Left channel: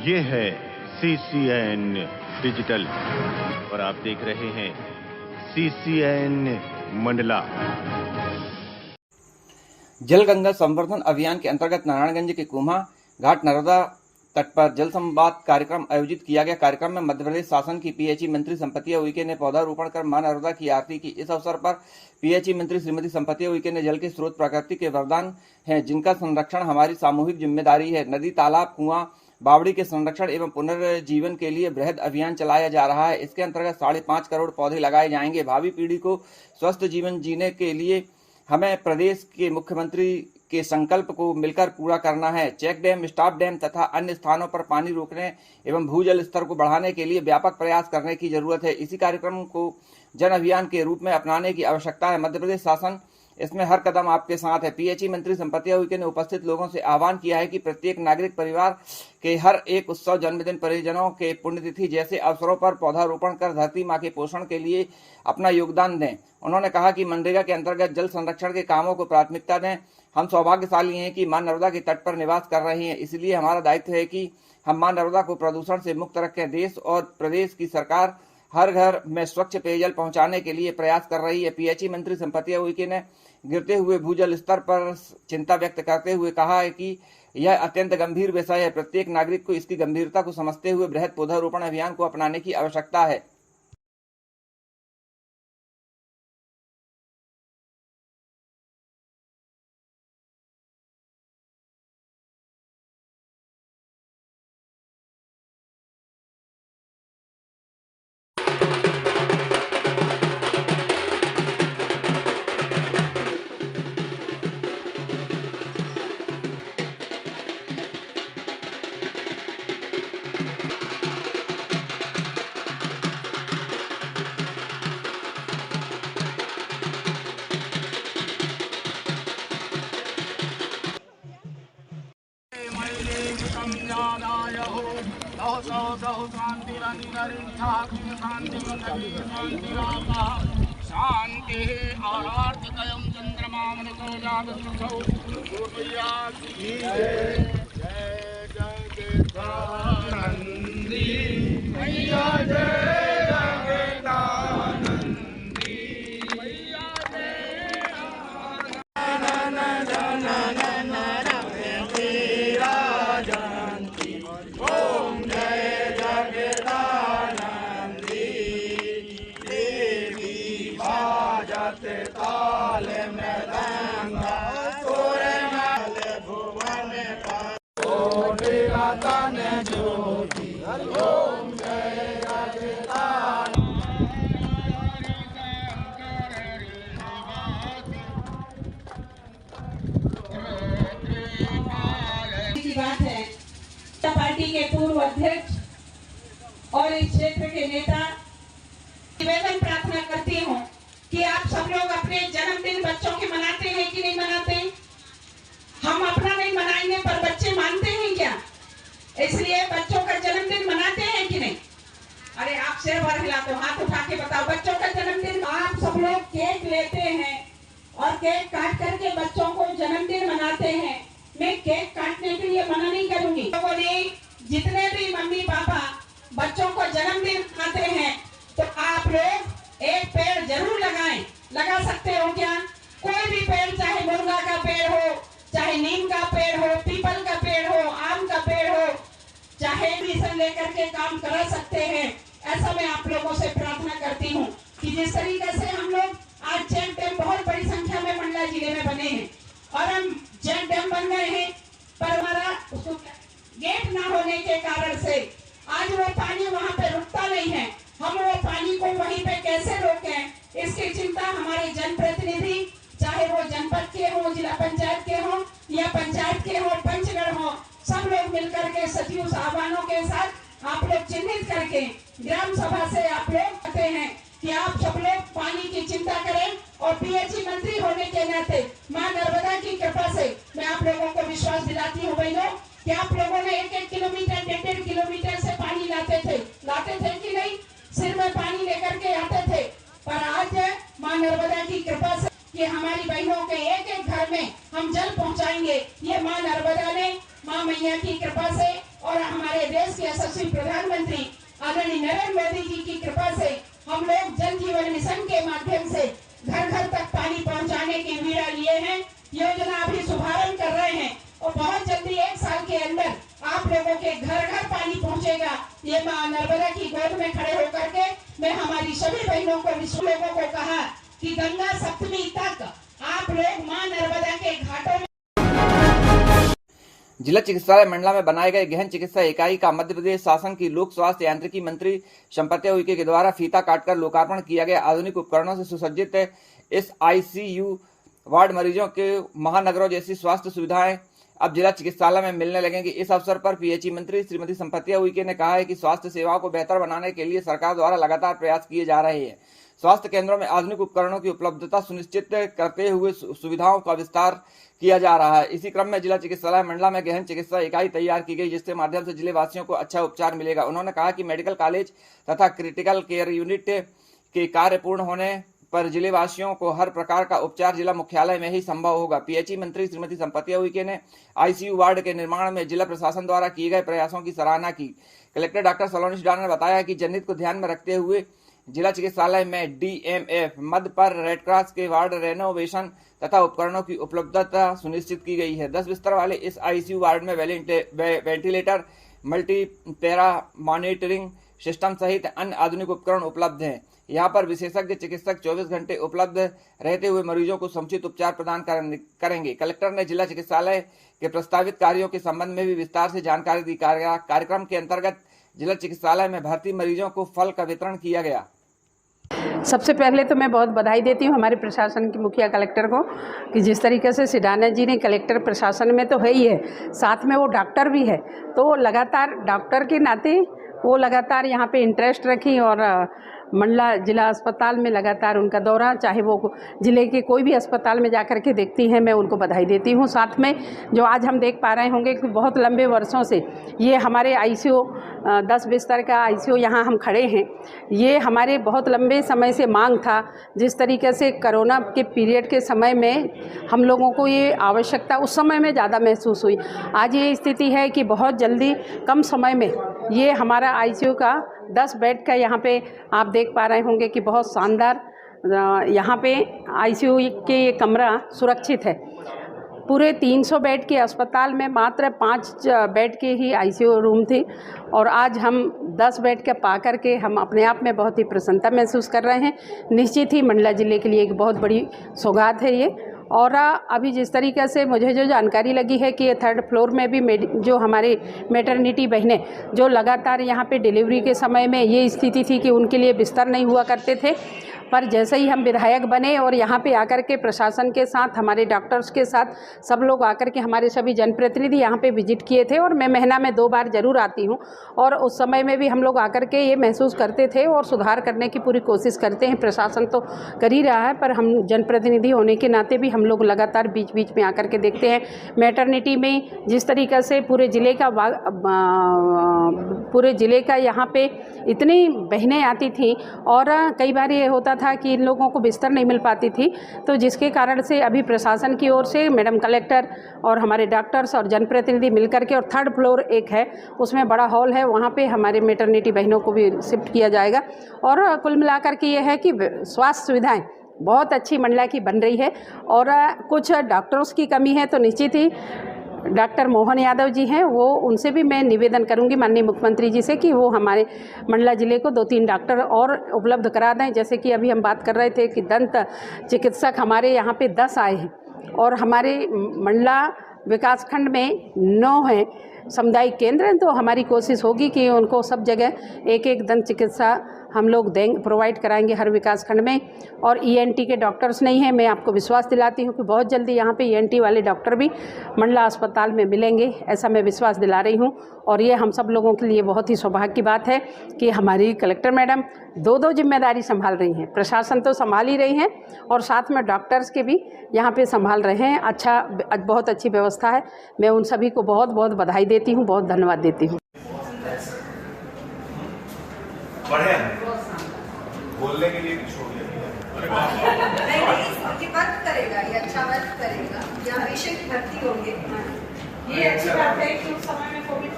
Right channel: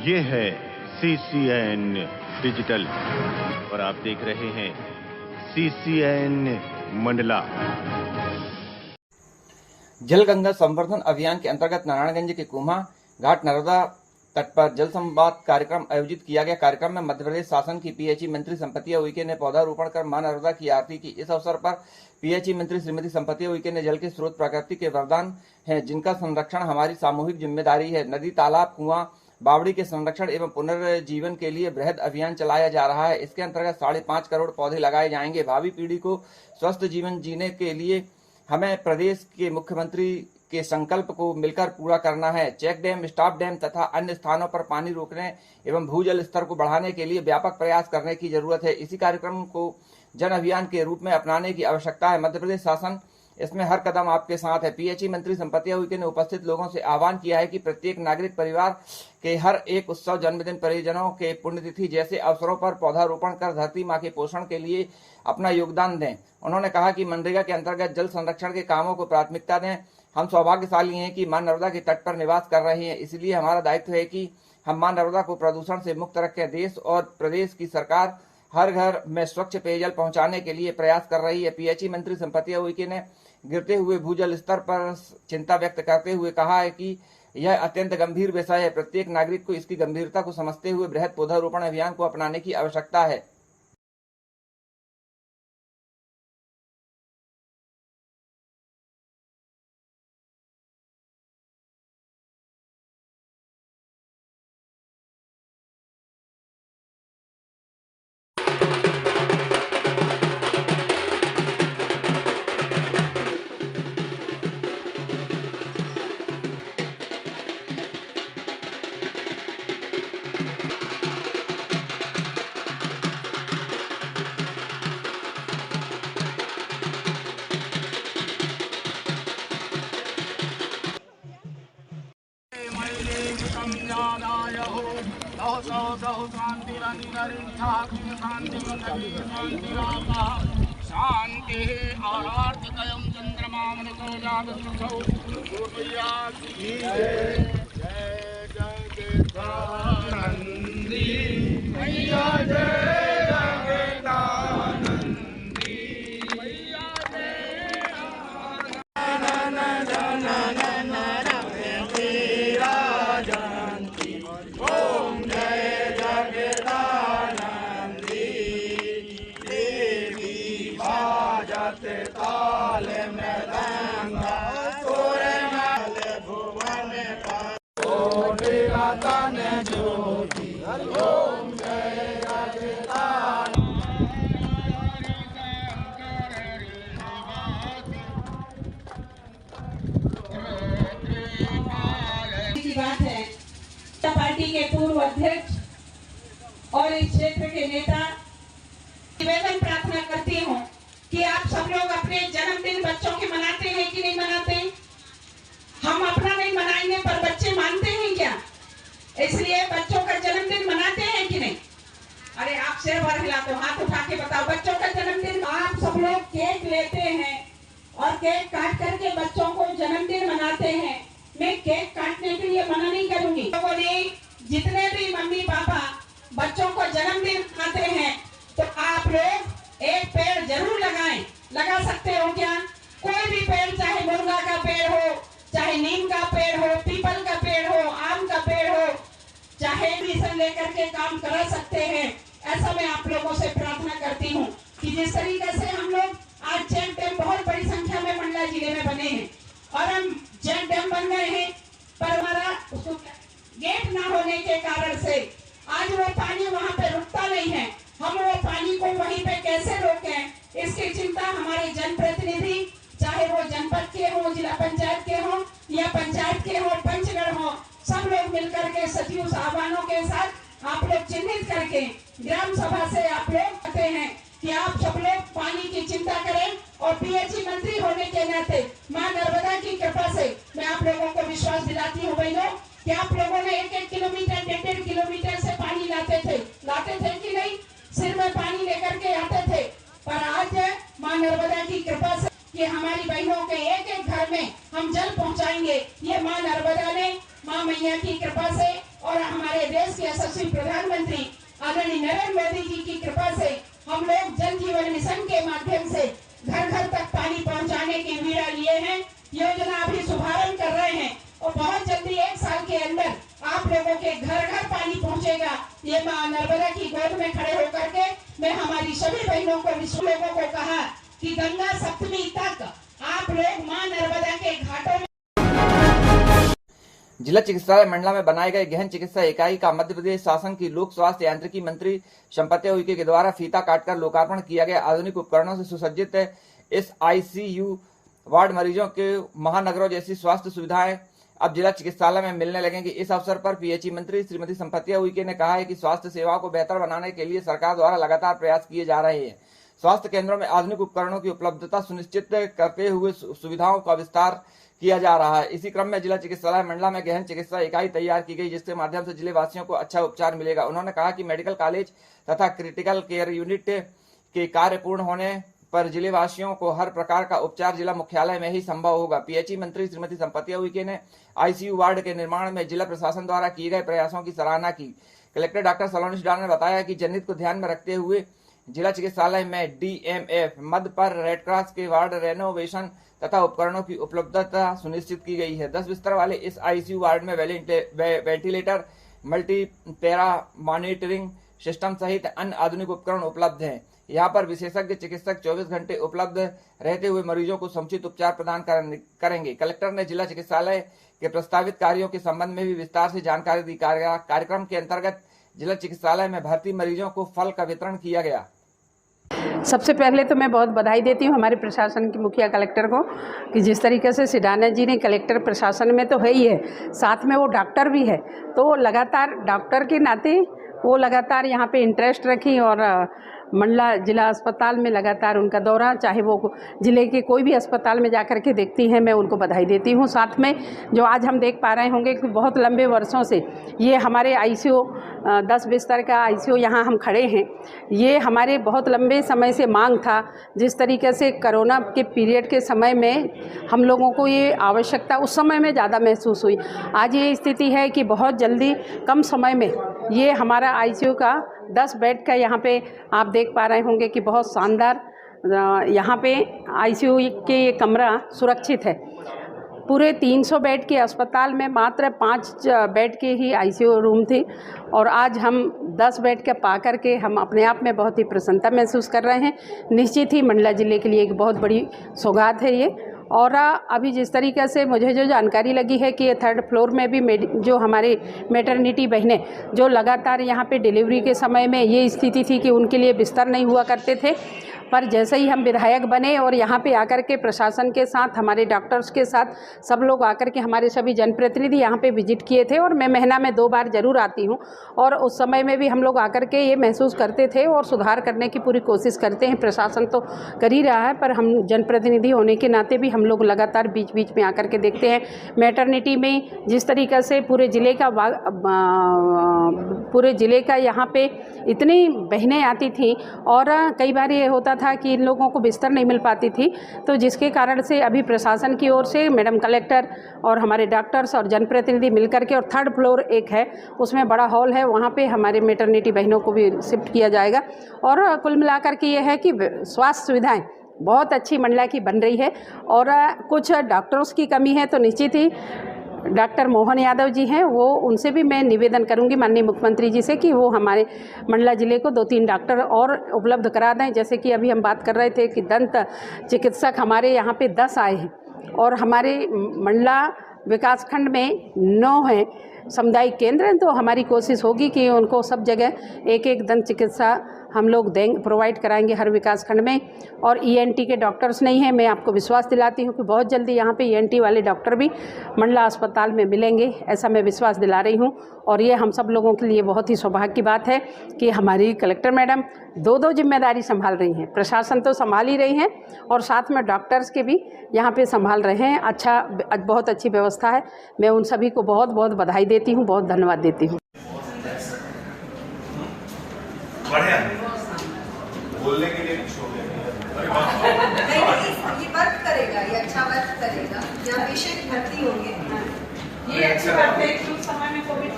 ये है CCN digital और आप देख रहे हैं CCN मंडला। जल गंगा संवर्धन अभियान के अंतर्गत नारायणगंज के कुम्हा घाट नर्मदा तट पर जल संवाद कार्यक्रम आयोजित किया गया। कार्यक्रम में मध्य प्रदेश शासन की PHE मंत्री संपत्ति उइके ने पौधारोपण कर मां नर्मदा की आरती की। इस अवसर पर PHE मंत्री श्रीमती संपत्ति उइके ने जल के स्रोत प्रकृति के वरदान हैं, जिनका संरक्षण हमारी सामूहिक जिम्मेदारी है। नदी, तालाब, कुआं, बावड़ी के संरक्षण एवं पुनर्जीवन के लिए बृहद अभियान चलाया जा रहा है। इसके अंतर्गत 5.5 करोड़ पौधे लगाए जाएंगे। भावी पीढ़ी को स्वस्थ जीवन जीने के लिए हमें प्रदेश के मुख्यमंत्री के संकल्प को मिलकर पूरा करना है। चेक डैम, स्टॉप डैम तथा अन्य स्थानों पर पानी रोकने एवं भूजल स्तर को बढ़ाने के लिए व्यापक प्रयास करने की जरूरत है। इसी कार्यक्रम को जन अभियान के रूप में अपनाने की आवश्यकता है। मध्य प्रदेश शासन इसमें हर कदम आपके साथ है। PHE मंत्री संपत्ति उइके ने उपस्थित लोगों से आह्वान किया है कि प्रत्येक नागरिक परिवार के हर एक उत्सव, जन्मदिन, परिजनों के पुण्यतिथि जैसे अवसरों पर पौधारोपण कर धरती मां के पोषण के लिए अपना योगदान दें। उन्होंने कहा कि मनरेगा के अंतर्गत जल संरक्षण के कामों को प्राथमिकता दें। हम सौभाग्यशाली हैं कि मां नर्मदा के तट पर निवास कर रहे हैं, इसलिए हमारा दायित्व है कि हम मां नर्मदा को प्रदूषण से मुक्त रखें। देश और प्रदेश की सरकार हर घर में स्वच्छ पेयजल पहुंचाने के लिए प्रयास कर रही है। PHE मंत्री संपत्ति उइके ने गिरते हुए भूजल स्तर पर चिंता व्यक्त करते हुए कहा है कि यह अत्यंत गंभीर विषय है। प्रत्येक नागरिक को इसकी गंभीरता को समझते हुए बृहद पौधारोपण अभियान को अपनाने की आवश्यकता है। शांति आरार्थिकयं चंद्रमामृतो जागृतौ जय जगदानंदी मैया, जय जगदानंदी मैया, जय ओम जय जगदानंदी देवी बाजते ताल मृदंगा सुरनाल भुवन कोटि रतन ज्योति ओम जय बात है। पार्टी के पूर्व अध्यक्ष और इस क्षेत्र के नेता निवेदन प्रार्थना करती हूँ कि आप सब लोग अपने जन्मदिन बच्चों के मनाते हैं कि नहीं मनाते? हम अपना नहीं मनाएंगे पर बच्चे मानते हैं क्या? इसलिए बच्चों का जन्मदिन मनाते हैं कि नहीं? अरे आप सिर भर हिलाते हो, हाथ उठा के बताओ। बच्चों का जन्मदिन आप सब लोग केक लेते हैं और केक काट करके बच्चों को जन्मदिन मनाते हैं। मैं केक काटने के लिए मना नहीं करूंगी। लोगों ने जितने भी मम्मी पापा बच्चों को जन्मदिन मनाते हैं तो आप लोग एक पेड़ जरूर लगाएं। लगा सकते हो क्या? कोई भी पेड़, चाहे मुनगा का पेड़ हो, चाहे नीम का पेड़ हो, पीपल का पेड़ हो, आम का पेड़ हो, चाहे मिशन लेकर के काम करा सकते हैं। ऐसा मैं आप लोगों से प्रार्थना करती हूँ कि जिस तरीके से हम लोग आज चेक डैम बहुत बड़ी संख्या में मंडला जिले में बने हैं और हम चेक डैम बन गए हैं, पर हमारा उसको गेट ना होने के कारण से आज वो पानी वहाँ पे रुकता नहीं है। हम वो पानी को वहीं पे कैसे रोकें, इसकी चिंता हमारे जनप्रतिनिधि, चाहे वो जनपद के हो, जिला पंचायत के हो या पंचायत के हो, पंचगढ़ हो, सब लोग मिलकर के सचिव साहबानों के साथ आप लोग चिन्हित करके ग्राम सभा से आप लोग कहते हैं कि आप सब लोग पानी की चिंता करें। और PHE मंत्री होने के नाते मां नर्मदा की कृपा से मैं आप लोगों को विश्वास दिलाती हूँ बहनों कि आप लोगों ने 1-1 किलोमीटर, 1.5 किलोमीटर से पानी लाते थे कि नहीं? सिर में पानी लेकर के आते थे। पर आज मां नर्मदा की कृपा से कि हमारी बहनों के एक-एक घर में हम जल पहुंचाएंगे। ये मां नर्मदा ने, मां मैया की कृपा से और हमारे देश के यशस्वी प्रधानमंत्री आदरणीय नरेंद्र मोदी जी की कृपा से हम लोग जल जीवन मिशन के माध्यम से घर घर तक पानी पहुंचाने की वीड़ा लिए हैं। योजना अभी शुभारंभ कर रहे हैं और बहुत जल्दी 1 साल के अंदर आप लोगों के घर घर पानी पहुंचेगा। ये मां नर्मदा की गोद में खड़े होकर के मैं हमारी सभी बहनों को, विश्व लोगों को कहा कि गंगा सप्तमी तक आप लोग मां नर्मदा के घाटों में। जिला चिकित्सालय मंडला में बनाए गए गहन चिकित्सा इकाई का मध्य प्रदेश शासन की लोक स्वास्थ्य यांत्रिकी मंत्री संपत्ति उइके के द्वारा फीता काटकर लोकार्पण किया गया। आधुनिक उपकरणों से सुसज्जित इस ICU वार्ड मरीजों के महानगरों जैसी स्वास्थ्य सुविधाएं अब जिला चिकित्सालय में मिलने लगेंगी। इस अवसर पर PHE मंत्री श्रीमती संपत्ति उइके ने कहा है कि स्वास्थ्य सेवाओं को बेहतर बनाने के लिए सरकार द्वारा लगातार प्रयास किए जा रहे हैं। स्वास्थ्य केंद्रों में आधुनिक उपकरणों की उपलब्धता सुनिश्चित करते हुए सुविधाओं का विस्तार किया जा रहा है। इसी क्रम में जिला चिकित्सालय मंडला में गहन चिकित्सा इकाई तैयार की गई, जिसके माध्यम से जिले वासियों को अच्छा उपचार मिलेगा। उन्होंने कहा कि मेडिकल कॉलेज तथा क्रिटिकल केयर यूनिट के कार्य पूर्ण होने पर जिले वासियों को हर प्रकार का उपचार जिला मुख्यालय में ही संभव होगा। PHE मंत्री श्रीमती संपत्ति उइके ने ICU वार्ड के निर्माण में जिला प्रशासन द्वारा किए गए प्रयासों की सराहना की। कलेक्टर डॉक्टर सलोनी डार ने बताया कि जनहित को ध्यान में रखते हुए जिला चिकित्सालय में DMF मद पर रेड क्रॉस के वार्ड रेनोवेशन तथा उपकरणों की उपलब्धता सुनिश्चित की गई है। 10 बिस्तर वाले इस ICU वार्ड में वेंटिलेटर, मल्टीपैरा मॉनिटरिंग सिस्टम सहित अन्य आधुनिक उपकरण उपलब्ध हैं। यहाँ पर विशेषज्ञ चिकित्सक 24 घंटे उपलब्ध रहते हुए मरीजों को समुचित उपचार प्रदान करेंगे। कलेक्टर ने जिला चिकित्सालय के प्रस्तावित कार्यों के संबंध में भी विस्तार से जानकारी दी। कार्यक्रम के अंतर्गत जिला चिकित्सालय में भर्ती मरीजों को फल का वितरण किया गया। सबसे पहले तो मैं बहुत बधाई देती हूँ हमारे प्रशासन के मुखिया कलेक्टर को कि जिस तरीके से सिडाना जी ने, कलेक्टर प्रशासन में तो है ही है, साथ में वो डॉक्टर भी है, तो लगातार डॉक्टर के नाते वो लगातार यहाँ पे इंटरेस्ट रखी और मंडला जिला अस्पताल में लगातार उनका दौरा, चाहे वो ज़िले के कोई भी अस्पताल में जाकर के देखती हैं, मैं उनको बधाई देती हूँ। साथ में जो आज हम देख पा रहे होंगे कि बहुत लंबे वर्षों से ये हमारे ICU 10 बिस्तर का ICU यहाँ हम खड़े हैं, ये हमारे बहुत लंबे समय से मांग था। जिस तरीके से कोरोना के पीरियड के समय में हम लोगों को ये आवश्यकता उस समय में ज़्यादा महसूस हुई। आज ये स्थिति है कि बहुत जल्दी कम समय में ये हमारा ICU का 10 बेड का यहाँ पे आप देख पा रहे होंगे कि बहुत शानदार यहाँ पे ICU के ये कमरा सुरक्षित है। पूरे 300 बेड के अस्पताल में मात्र 5 बेड के ही ICU रूम थे और आज हम 10 बेड का पा करके हम अपने आप में बहुत ही प्रसन्नता महसूस कर रहे हैं। निश्चित ही मंडला ज़िले के लिए एक बहुत बड़ी सौगात है ये। और अभी जिस तरीके से मुझे जो जानकारी लगी है कि 3rd फ्लोर में भी जो हमारे मैटरनिटी बहनें जो लगातार यहाँ पे डिलीवरी के समय में ये स्थिति थी कि उनके लिए बिस्तर नहीं हुआ करते थे, पर जैसे ही हम विधायक बने और यहाँ पे आकर के प्रशासन के साथ, हमारे डॉक्टर्स के साथ सब लोग आकर के, हमारे सभी जनप्रतिनिधि यहाँ पे विजिट किए थे और मैं महीना में 2 बार ज़रूर आती हूँ और उस समय में भी हम लोग आकर के ये महसूस करते थे और सुधार करने की पूरी कोशिश करते हैं। प्रशासन तो कर ही रहा है, पर हम जनप्रतिनिधि होने के नाते भी हम लोग लगातार बीच बीच में आकर के देखते हैं। मैटरनिटी में जिस तरीक़े से पूरे ज़िले का यहाँ पे इतनी बहनें आती थीं और कई बार ये होता था कि इन लोगों को बिस्तर नहीं मिल पाती थी, तो जिसके कारण से अभी प्रशासन की ओर से मैडम कलेक्टर और हमारे डॉक्टर्स और जनप्रतिनिधि मिलकर के, और 3rd फ्लोर एक है उसमें बड़ा हॉल है, वहाँ पे हमारे मैटरनिटी बहनों को भी शिफ्ट किया जाएगा। और कुल मिलाकर के ये है कि स्वास्थ्य सुविधाएँ बहुत अच्छी मंडला की बन रही है। और कुछ डॉक्टर्स की कमी है तो निश्चित ही डॉक्टर मोहन यादव जी हैं, वो उनसे भी मैं निवेदन करूंगी माननीय मुख्यमंत्री जी से कि वो हमारे मंडला ज़िले को 2-3 डॉक्टर और उपलब्ध करा दें। जैसे कि अभी हम बात कर रहे थे कि दंत चिकित्सक हमारे यहाँ पे 10 आए हैं और हमारे मंडला विकासखंड में 9 हैं सामुदायिक केंद्र, तो हमारी कोशिश होगी कि उनको सब जगह एक दंत चिकित्सा हम लोग प्रोवाइड कराएंगे हर विकास खंड में। और ENT के डॉक्टर्स नहीं हैं, मैं आपको विश्वास दिलाती हूँ कि बहुत जल्दी यहाँ पे ENT वाले डॉक्टर भी मंडला अस्पताल में मिलेंगे, ऐसा मैं विश्वास दिला रही हूँ। और ये हम सब लोगों के लिए बहुत ही सौभाग्य की बात है कि हमारी कलेक्टर मैडम 2 जिम्मेदारी संभाल रही हैं। प्रशासन तो संभाल ही रही हैं और साथ में डॉक्टर्स के भी यहाँ पे संभाल रहे हैं। अच्छा, बहुत अच्छी व्यवस्था है। मैं उन सभी को बहुत बहुत बधाई देती हूँ, बहुत धन्यवाद देती हूँ। बोलने के लिए कुछ नहीं, ये वर्क करेगा, ये अच्छा वर्क करेगा। जहाँ पेशेंट भर्ती होंगे ये अच्छी बात है कि उस समय में कोविड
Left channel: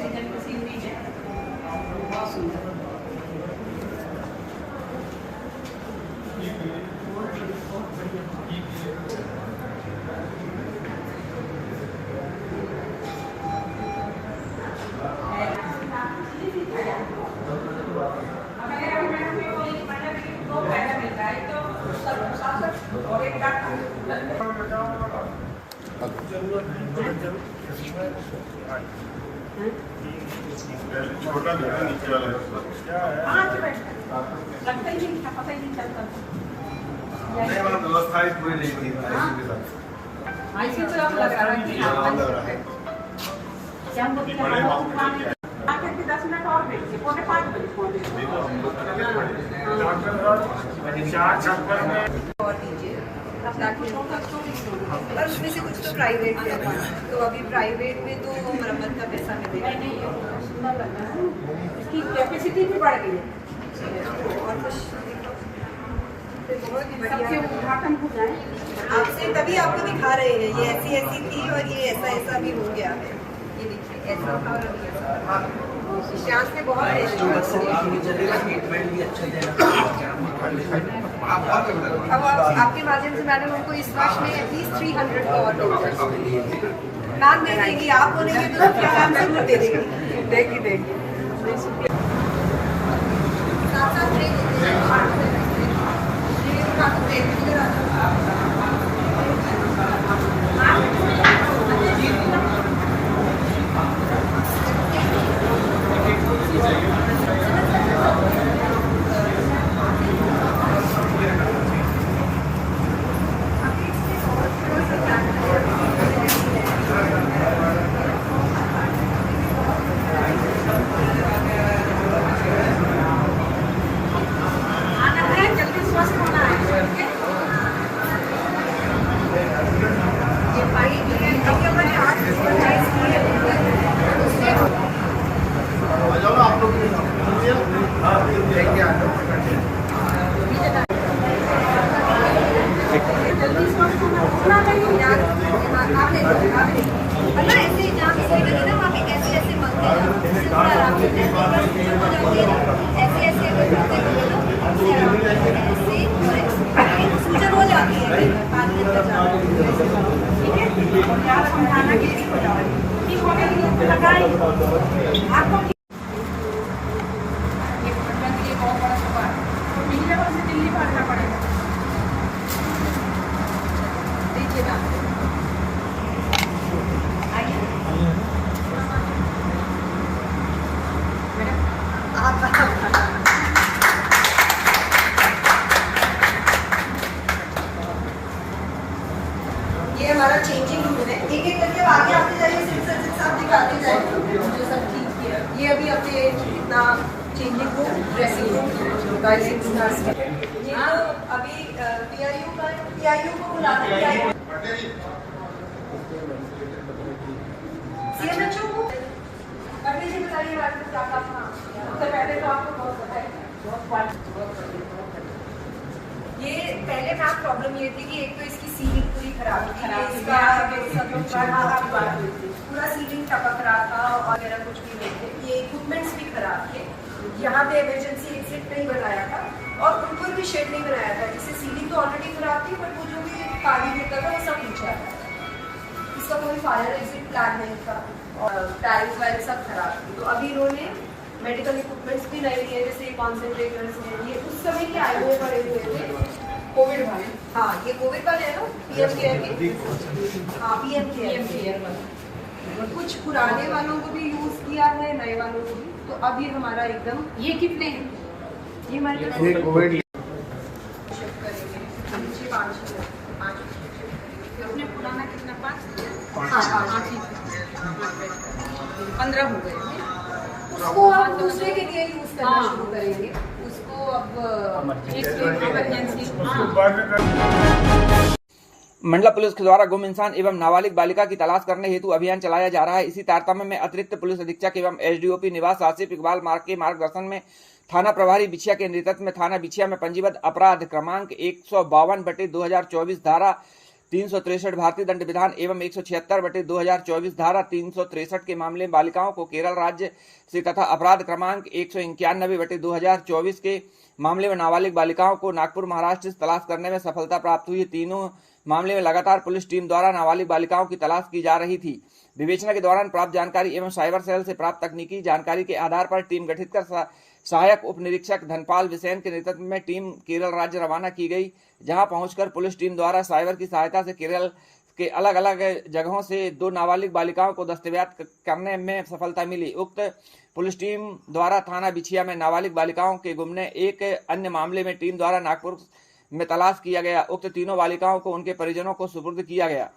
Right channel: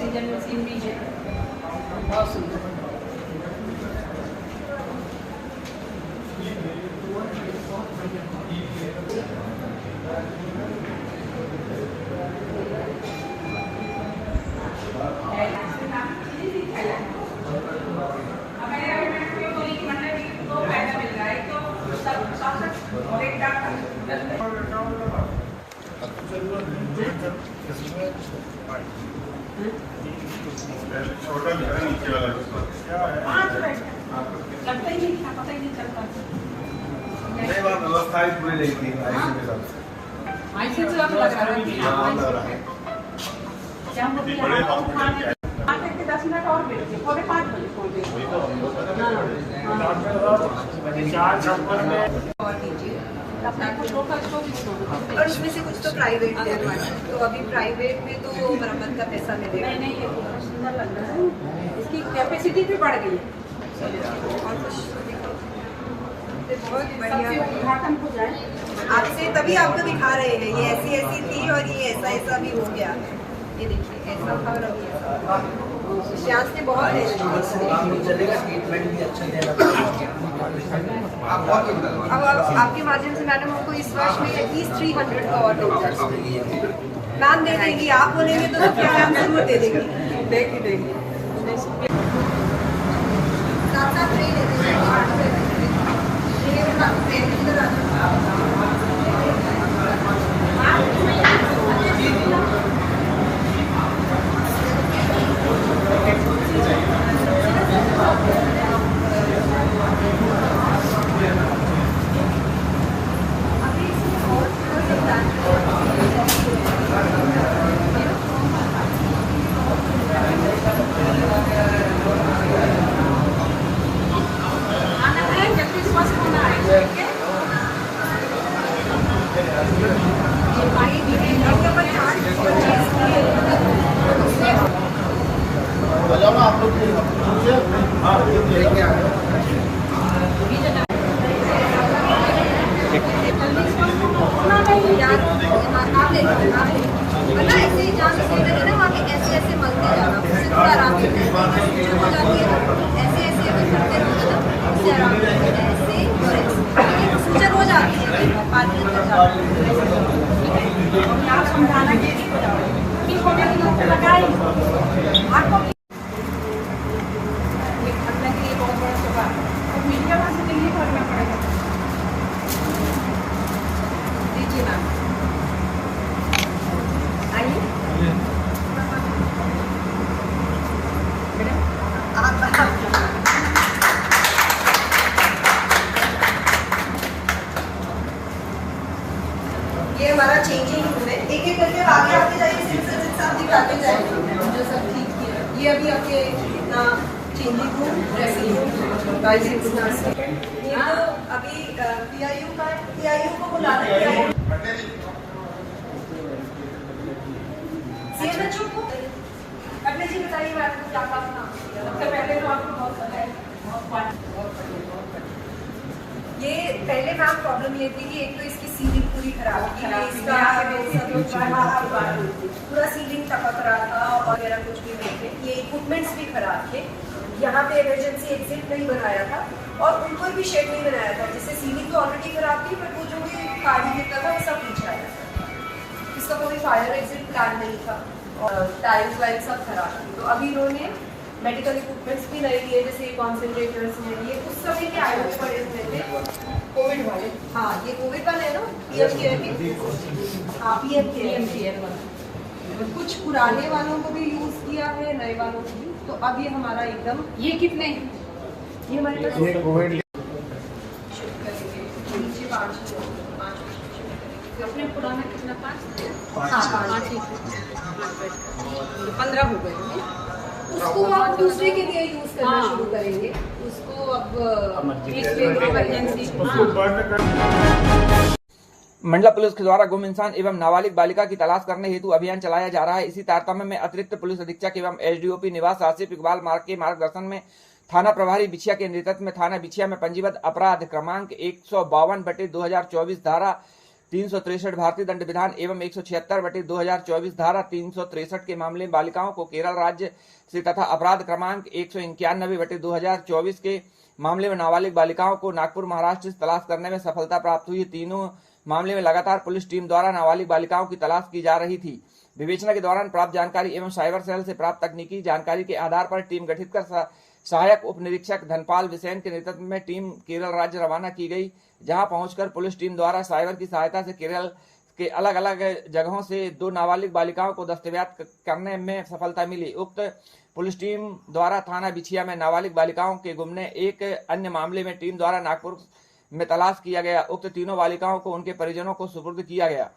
ऑक्सीजन मशीन भी है, बहुत सुंदर। छोटा जो है नीचे वाला लगता ही नहीं था, पता ही नहीं चलता। नहीं मैम व्यवस्था ही पूरी नहीं थी ऐसे तो अब लगा रही थी। शाम को आके के 10 मिनट और बैठे, 4:45 बजे पहुंचे। और दीजिए अपना को टोटल स्टोरेज और उसमें से कुछ तो प्राइवेट है, तो अभी प्राइवेट में तो मरम्मत का पैसा मिलेगा। नहीं ये बहुत सुंदर लग रहा है, इसकी कैपेसिटी भी बढ़ गई है। और कुछ बहुत सबके बढ़िया उद्घाटन हो जाए। आपसे तभी आपको दिखा रहे हैं, ये ऐसी ऐसी थी और ये ऐसा ऐसा भी हो गया है। ये देखिए ऐसा था और अभी ऐसा। श्यास ने बहुत ट्रीटमेंट भी अच्छा देना पड़ेगा। अब आपके माध्यम से मैडम हमको इस वर्ष में एटलीस्ट 300 का और मिल जाए। नाम दे देंगी आप, बोलेंगे तो क्या नाम जरूर दे देंगी। देखिए साथ साथ ट्रे देते जाएंगे। इधर आ जाओ। आना है, जल्दी स्वस्थ होना है, ठीक है? ये पानी पीने के ऊपर चार्ज आ जाओ ना आप लोग हाँ जल्दी स्वस्थ होना नहीं यार नाम ले लो, नाम ले लो। और ना ऐसे जहाँ पे सीट लगी ना वहाँ पे ऐसे ऐसे मलते जाना, उससे थोड़ा आराम से ऐसे अगर सूजन हो जाती है ना, ऐसे ऐसे अगर करते रहोगे ना उससे आराम से ऐसे और ऐसे, लेकिन सूजन हो जाती है कई बार पानी अंदर जाता है, ठीक है। और क्या समझाना कि ठीक हो जाओ, ठीक होने के लिए लगाई आपको ये पटना के लिए बहुत बड़ा सवाल और मिर्जाबाद से दिल्ली भागना पड़ेगा। दीजिए ना आइए आप ये हमारा चेंजिंग रूम है, एक एक करके आगे आते जाइए, सिर्फ साथ दिखाते जाएंगे जो सब ठीक किया। ये अभी अपने इतना changing room, dressing room, guidance nurse, ये तो अभी पीआईयू को बुलाना है, सीएमएचओ को अपने जी बताइए मैडम को क्या क्या सुना। सबसे पहले तो आपको बहुत बधाई, बहुत बढ़िया। ये पहले मैम प्रॉब्लम ये थी कि एक तो इसकी सीलिंग पूरी खराब थी, इसका पूरा सीलिंग टपक रहा था और मेरा कुछ भी नहीं थे, ये इक्विपमेंट्स भी खराब थे। यहाँ पे इमरजेंसी एग्जिट नहीं बनाया था और ऊपर भी शेड नहीं बनाया था, जिससे सीलिंग तो ऑलरेडी खराब थी, बट वो जो भी पानी गिरता था वो सब नीचे आ जाता था। इसका कोई फायर एग्जिट प्लान नहीं था और टाइल्स वाइल्स सब खराब थी। तो अभी इन्होंने मेडिकल इक्विपमेंट्स भी नहीं लिए, जैसे कॉन्सेंट्रेटर्स हैं, ये उस समय के आए हुए पड़े हुए थे कोविड वाले। हाँ ये कोविड वाले है ना, पीएम केयर के। हाँ पीएम केयर वाला। कुछ पुराने वालों को भी यूज किया है, नए वालों को भी। तो अब ये हमारा एकदम, ये कितने हैं? ये हमारे पास अपने पुराना कितना 5? हाँ 5 ही 15 हो गए। उसको आप दूसरे के लिए यूज करना शुरू करेंगे, उसको अब इमरजेंसी। मंडला पुलिस के द्वारा गुम इंसान एवं नाबालिग बालिका की तलाश करने हेतु अभियान चलाया जा रहा है। इसी तारतम्य में अतिरिक्त पुलिस अधीक्षक एवं एसडीओपी निवास आसिफ इकबाल मार्ग के मार्गदर्शन में थाना प्रभारी बिछिया के नेतृत्व में थाना बिछिया में पंजीबद्ध अपराध क्रमांक 152/2024 धारा 363 भारतीय दंड विधान एवं 176/2024 धारा 363 के मामले में बालिकाओं को केरल राज्य से तथा अपराध क्रमांक 191/2024 के मामले में नाबालिग बालिकाओं को नागपुर महाराष्ट्र से तलाश करने में सफलता प्राप्त हुई। तीनों मामले में लगातार पुलिस टीम द्वारा नाबालिग बालिकाओं की तलाश की जा रही थी। विवेचना के दौरान प्राप्त जानकारी एवं साइबर सेल से प्राप्त तकनीकी जानकारी के आधार पर टीम गठित कर सहायक उप निरीक्षक धनपाल विसेन के नेतृत्व में टीम केरल राज्य रवाना की गई, जहां पहुंचकर पुलिस टीम द्वारा साइबर की सहायता से केरल के अलग अलग जगहों से 2 नाबालिग बालिकाओं को दस्तयाब करने में सफलता मिली। उक्त पुलिस टीम द्वारा थाना बिछिया में नाबालिग बालिकाओं के गुमने एक अन्य मामले में टीम द्वारा नागपुर में तलाश किया गया। उक्त तीनों बालिकाओं को उनके परिजनों को सुपुर्द किया गया।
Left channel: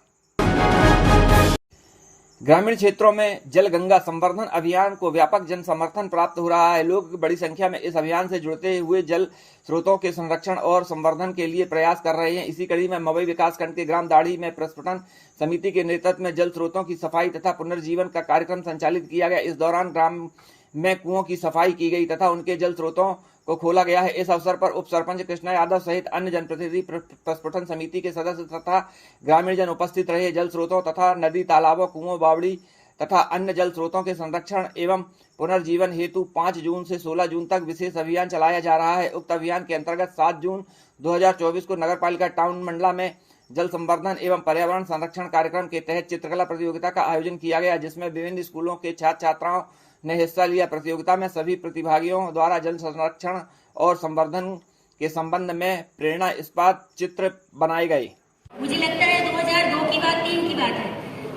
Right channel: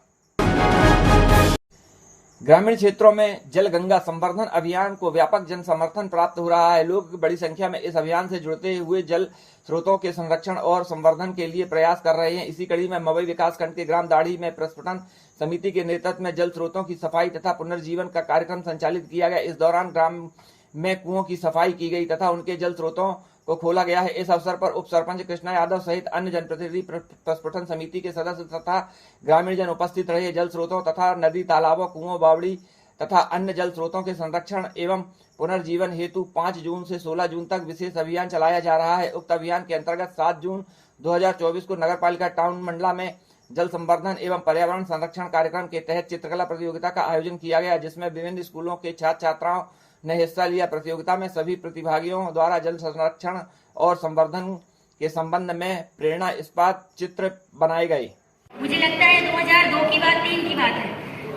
ग्रामीण क्षेत्रों में जल गंगा संवर्धन अभियान को व्यापक जन समर्थन प्राप्त हो रहा है। लोग बड़ी संख्या में इस अभियान से जुड़ते हुए जल स्रोतों के संरक्षण और संवर्धन के लिए प्रयास कर रहे हैं। इसी कड़ी में मवई विकासखंड के ग्राम दाढ़ी में प्रस्फुटन समिति के नेतृत्व में जल स्रोतों की सफाई तथा पुनर्जीवन का कार्यक्रम संचालित किया गया। इस दौरान ग्राम में कुओं की सफाई की गई तथा उनके जल स्रोतों को खोला गया है। इस अवसर पर उप सरपंच कृष्णा यादव सहित अन्य जनप्रतिनिधि, प्रस्फुटन समिति के सदस्य तथा ग्रामीण जन उपस्थित रहे। जल स्रोतों तथा नदी, तालाबों, कुओं, बावड़ी तथा अन्य जल स्रोतों के संरक्षण एवं पुनर्जीवन हेतु 5 जून से 16 जून तक विशेष अभियान चलाया जा रहा है। उक्त अभियान के अंतर्गत 7 जून 2024 को नगरपालिका टाउन मंडला में जल संवर्धन एवं पर्यावरण संरक्षण कार्यक्रम के तहत चित्रकला प्रतियोगिता का आयोजन किया गया, जिसमें विभिन्न स्कूलों के छात्र छात्राओं ने हिस्सा लिया। प्रतियोगिता में सभी प्रतिभागियों द्वारा जल संरक्षण और संवर्धन के संबंध में प्रेरणा इस्पात चित्र बनाए गए। मुझे लगता है 2002 की बात 3 की बात है,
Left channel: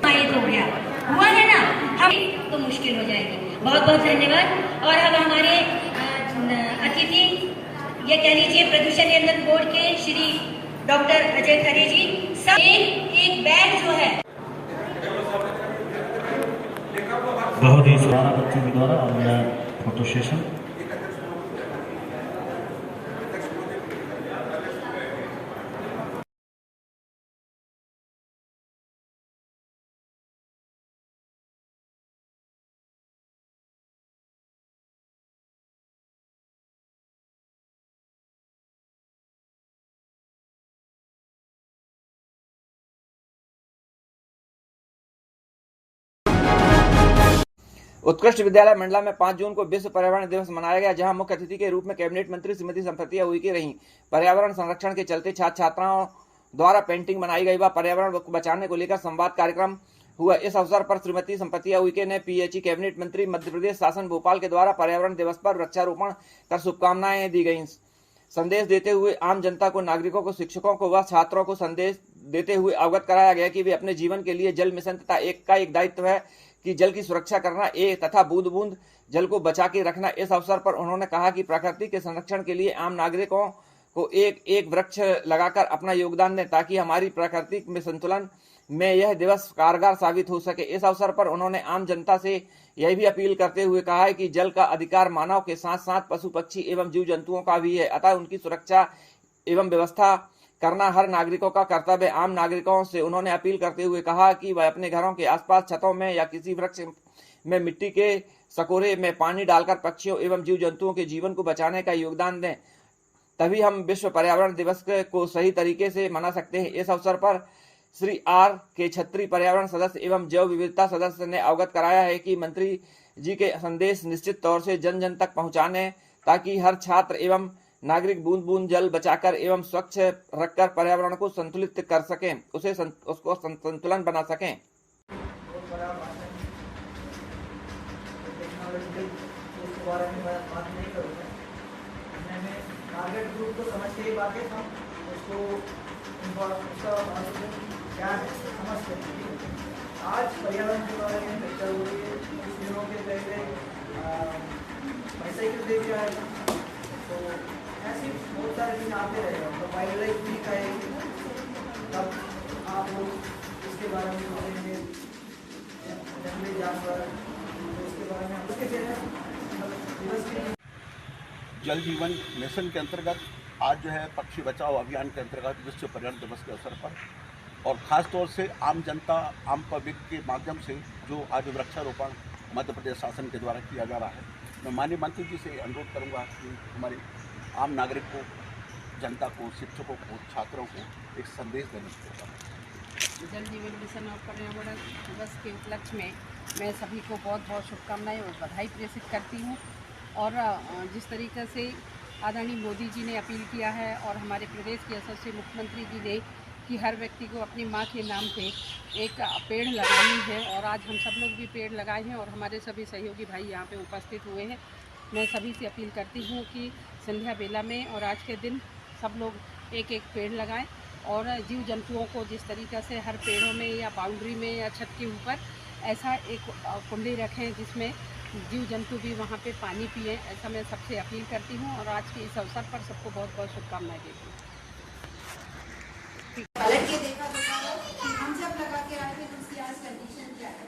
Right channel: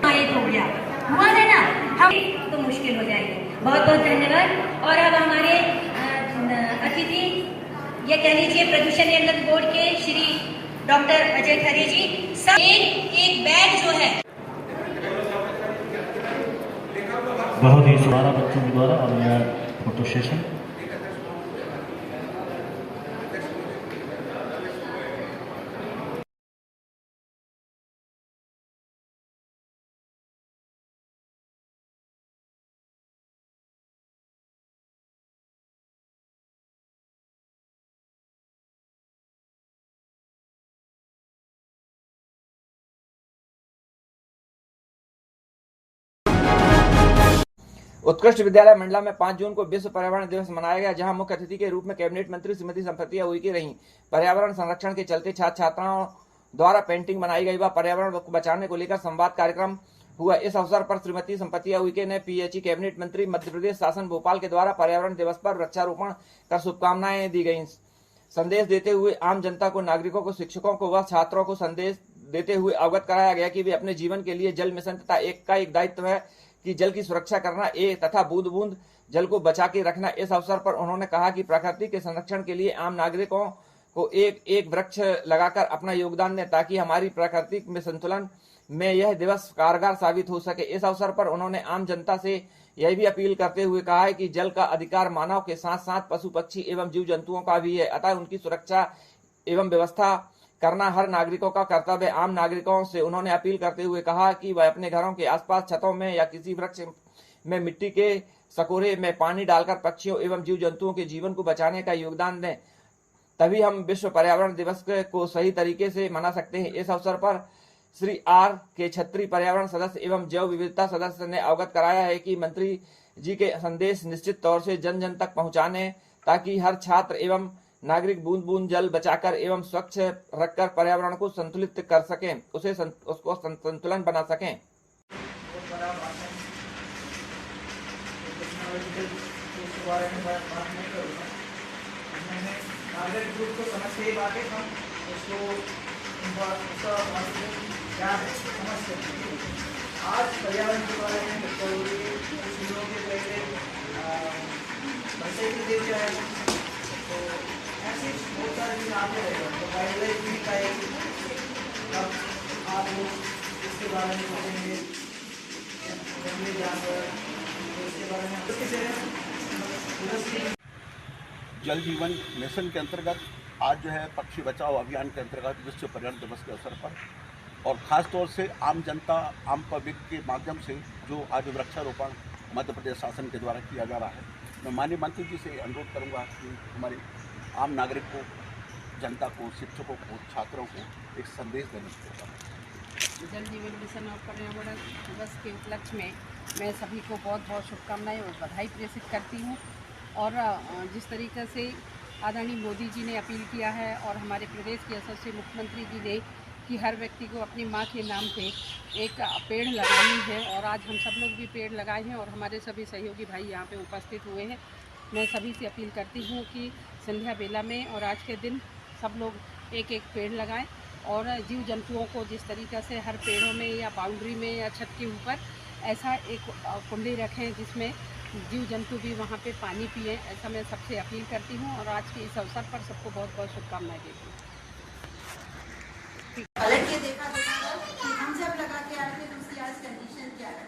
ये हो गया हुआ है ना, हम तो मुश्किल हो जाएगी। बहुत बहुत धन्यवाद। और अब हमारे अतिथि ये कह लीजिए प्रदूषण नियंत्रण बोर्ड के श्री डॉक्टर अजय खरे जी, सब एक बैग जो है बहुत ही सुहाना बच्चों के द्वारा और फोटो सेशन। उत्कृष्ट विद्यालय मंडला में 5 जून को विश्व पर्यावरण दिवस मनाया गया, जहां मुख्य अतिथि के रूप में कैबिनेट मंत्री श्रीमती संपत्ति उइके रहीं। पर्यावरण संरक्षण के चलते छात्र छात्राओं द्वारा पेंटिंग बनाई गई व पर्यावरण को बचाने को लेकर संवाद कार्यक्रम हुआ। इस अवसर पर श्रीमती संपत्ति उइके ने पीएचई कैबिनेट मंत्री मध्य प्रदेश शासन भोपाल के द्वारा पर्यावरण दिवस पर वृक्षारोपण कर शुभकामनाएं दी गयी। संदेश देते हुए आम जनता को, नागरिकों को, शिक्षकों को व छात्रों को संदेश देते हुए अवगत कराया गया कि वे अपने जीवन के लिए जल मिशन तथा एक दायित्व है कि जल की सुरक्षा करना तथा बूंद बूंद जल को बचा के रखना। इस अवसर पर उन्होंने कहा कि प्रकृति के संरक्षण के लिए आम नागरिकों को एक वृक्ष लगाकर अपना योगदान दें, ताकि हमारी प्रकृति में संतुलन में यह दिवस कारगर साबित हो सके। इस अवसर पर उन्होंने आम जनता से यह भी अपील करते हुए कहा है कि जल का अधिकार मानव के साथ साथ पशु पक्षी एवं जीव जंतुओं का भी है, अतः उनकी सुरक्षा एवं व्यवस्था करना हर नागरिकों का कर्तव्य। आम नागरिकों से उन्होंने अपील करते हुए कहा कि वह अपने घरों के आसपास छतों में या किसी वृक्ष में मिट्टी के सकोरे में पानी डालकर पक्षियों एवं जीव जंतुओं के जीवन को बचाने का योगदान दें, तभी हम विश्व पर्यावरण दिवस को सही तरीके से मना सकते हैं। इस अवसर पर श्री आर के छत्री पर्यावरण सदस्य एवं जैव विविधता सदस्य ने अवगत कराया है कि मंत्री जी के संदेश निश्चित तौर से जन जन तक पहुंचाने, ताकि हर छात्र एवं नागरिक बूंद बूंद जल बचाकर एवं स्वच्छ रखकर पर्यावरण को संतुलित कर सकें, उसको संतुलन बना सकें। ग्रुप को समझ के बात है, हम उसको क्या है समझ सकते हैं। आज पर्यावरण के बारे में चर्चा हो रही है। कुछ दिनों के पहले साइकिल डे भी आएगा, तो ऐसे बहुत सारे दिन आते रहेगा। तो वाइल्ड लाइफ भी दिखाएगी, तब आप लोग इसके बारे में सोचेंगे, जंगली जानवर, तो इसके बारे में जल जीवन मिशन के अंतर्गत आज जो है पक्षी बचाओ अभियान के अंतर्गत विश्व पर्यावरण दिवस के अवसर पर और ख़ास तौर से आम जनता, आम पब्लिक के माध्यम से जो आज वृक्षारोपण मध्य प्रदेश शासन के द्वारा किया जा रहा है, मैं माननीय मंत्री जी से अनुरोध करूंगा कि हमारे आम नागरिक को, जनता को, शिक्षकों को, छात्रों को एक संदेश देने की जल जीवन मिशन और पर्यावरण दिवस के उपलक्ष्य में मैं सभी को बहुत बहुत शुभकामनाएं और बधाई प्रेषित करती हूं। और जिस तरीके से आदरणीय मोदी जी ने अपील किया है और हमारे प्रदेश के यशस्वी मुख्यमंत्री जी ने कि हर व्यक्ति को अपनी माँ के नाम पे एक पेड़ लगानी है, और आज हम सब लोग भी पेड़ लगाए हैं और हमारे सभी सहयोगी भाई यहाँ पे उपस्थित हुए हैं। मैं सभी से अपील करती हूँ कि संध्या बेला में और आज के दिन सब लोग एक एक पेड़ लगाएं और जीव जंतुओं को जिस तरीक़े से हर पेड़ों में या बाउंड्री में या छत के ऊपर ऐसा एक कुंडी रखें जिसमें जीव जंतु भी वहाँ पे पानी पिए, ऐसा मैं सबसे अपील करती हूँ। और आज के इस अवसर पर सबको बहुत बहुत शुभकामनाएं देती हूँ। पलट के देखा जाता है कि हम जब लगा के आए थे तो उसकी आज कंडीशन क्या है,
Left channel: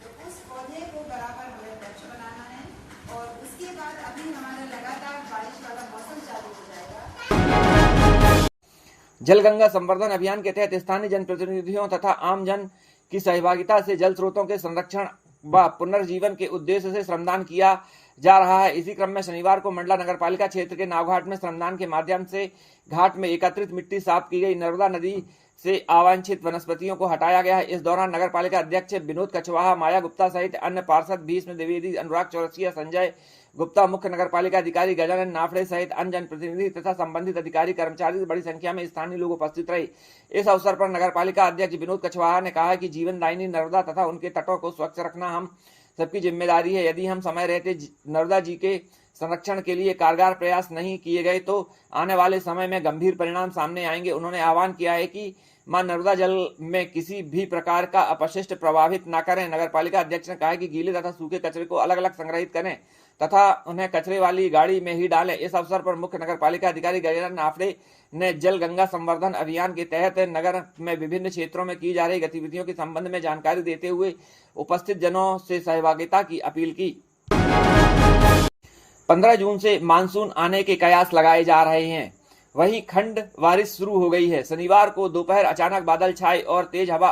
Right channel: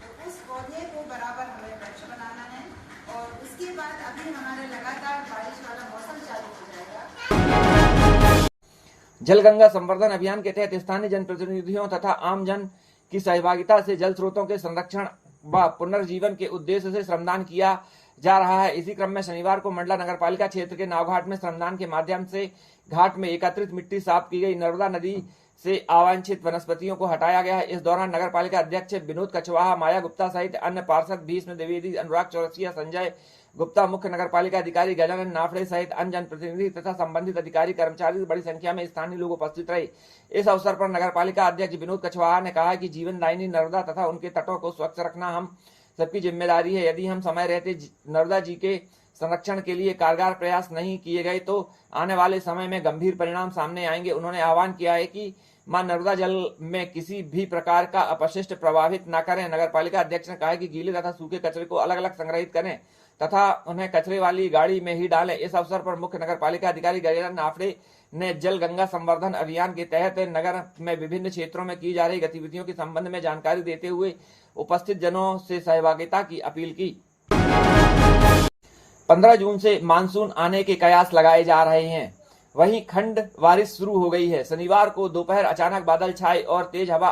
तो उस पौधे को बराबर हमें वृक्ष बनाना है। और उसके बाद अभी हमारे लगातार बारिश वाला मौसम चालू हो जाएगा। जल गंगा संवर्धन अभियान के तहत स्थानीय जनप्रतिनिधियों तथा आम जन की सहभागिता से जल स्रोतों के संरक्षण व पुनर्जीवन के उद्देश्य से श्रमदान किया जा रहा है। इसी क्रम में शनिवार को मंडला नगरपालिका क्षेत्र के नावघाट में श्रमदान के माध्यम से घाट में एकत्रित मिट्टी साफ की गई। नर्मदा नदी से अवांछित वनस्पतियों को हटाया गया है। इस दौरान नगरपालिका अध्यक्ष विनोद कछवाहा, माया गुप्ता सहित अन्य पार्षद भीष्म द्विवेदी, अनुराग चौरसिया, संजय गुप्ता, मुख्य नगरपालिका अधिकारी गजानन नाफड़े सहित अन्य जनप्रतिनिधि तथा संबंधित अधिकारी कर्मचारी बड़ी संख्या में स्थानीय लोग उपस्थित रहे। इस अवसर पर नगरपालिका अध्यक्ष विनोद कछवाहा ने कहा कि जीवनदायिनी नर्मदा तथा उनके तटों को स्वच्छ रखना हम सबकी जिम्मेदारी है। यदि हम समय रहते नर्मदा जी के संरक्षण के लिए कारगर प्रयास नहीं किए गए तो आने वाले समय में गंभीर परिणाम सामने आएंगे। उन्होंने आह्वान किया है कि मां नर्मदा जल में किसी भी प्रकार का अपशिष्ट प्रभावित न करें। नगरपालिका अध्यक्ष ने कहा कि गीले तथा सूखे कचरे को अलग अलग संग्रहित करें तथा उन्हें कचरे वाली गाड़ी में ही डालें। इस अवसर पर मुख्य नगरपालिका अधिकारी गजानन नाफड़े ने जल गंगा संवर्धन अभियान के तहत नगर में विभिन्न क्षेत्रों में की जा रही गतिविधियों के संबंध में जानकारी देते हुए उपस्थित जनों से सहभागिता की अपील की। 15 जून से मानसून आने के कयास लगाए जा रहे हैं। वहीं खंड बारिश शुरू हो गई है। शनिवार को दोपहर अचानक बादल छाए और तेज हवा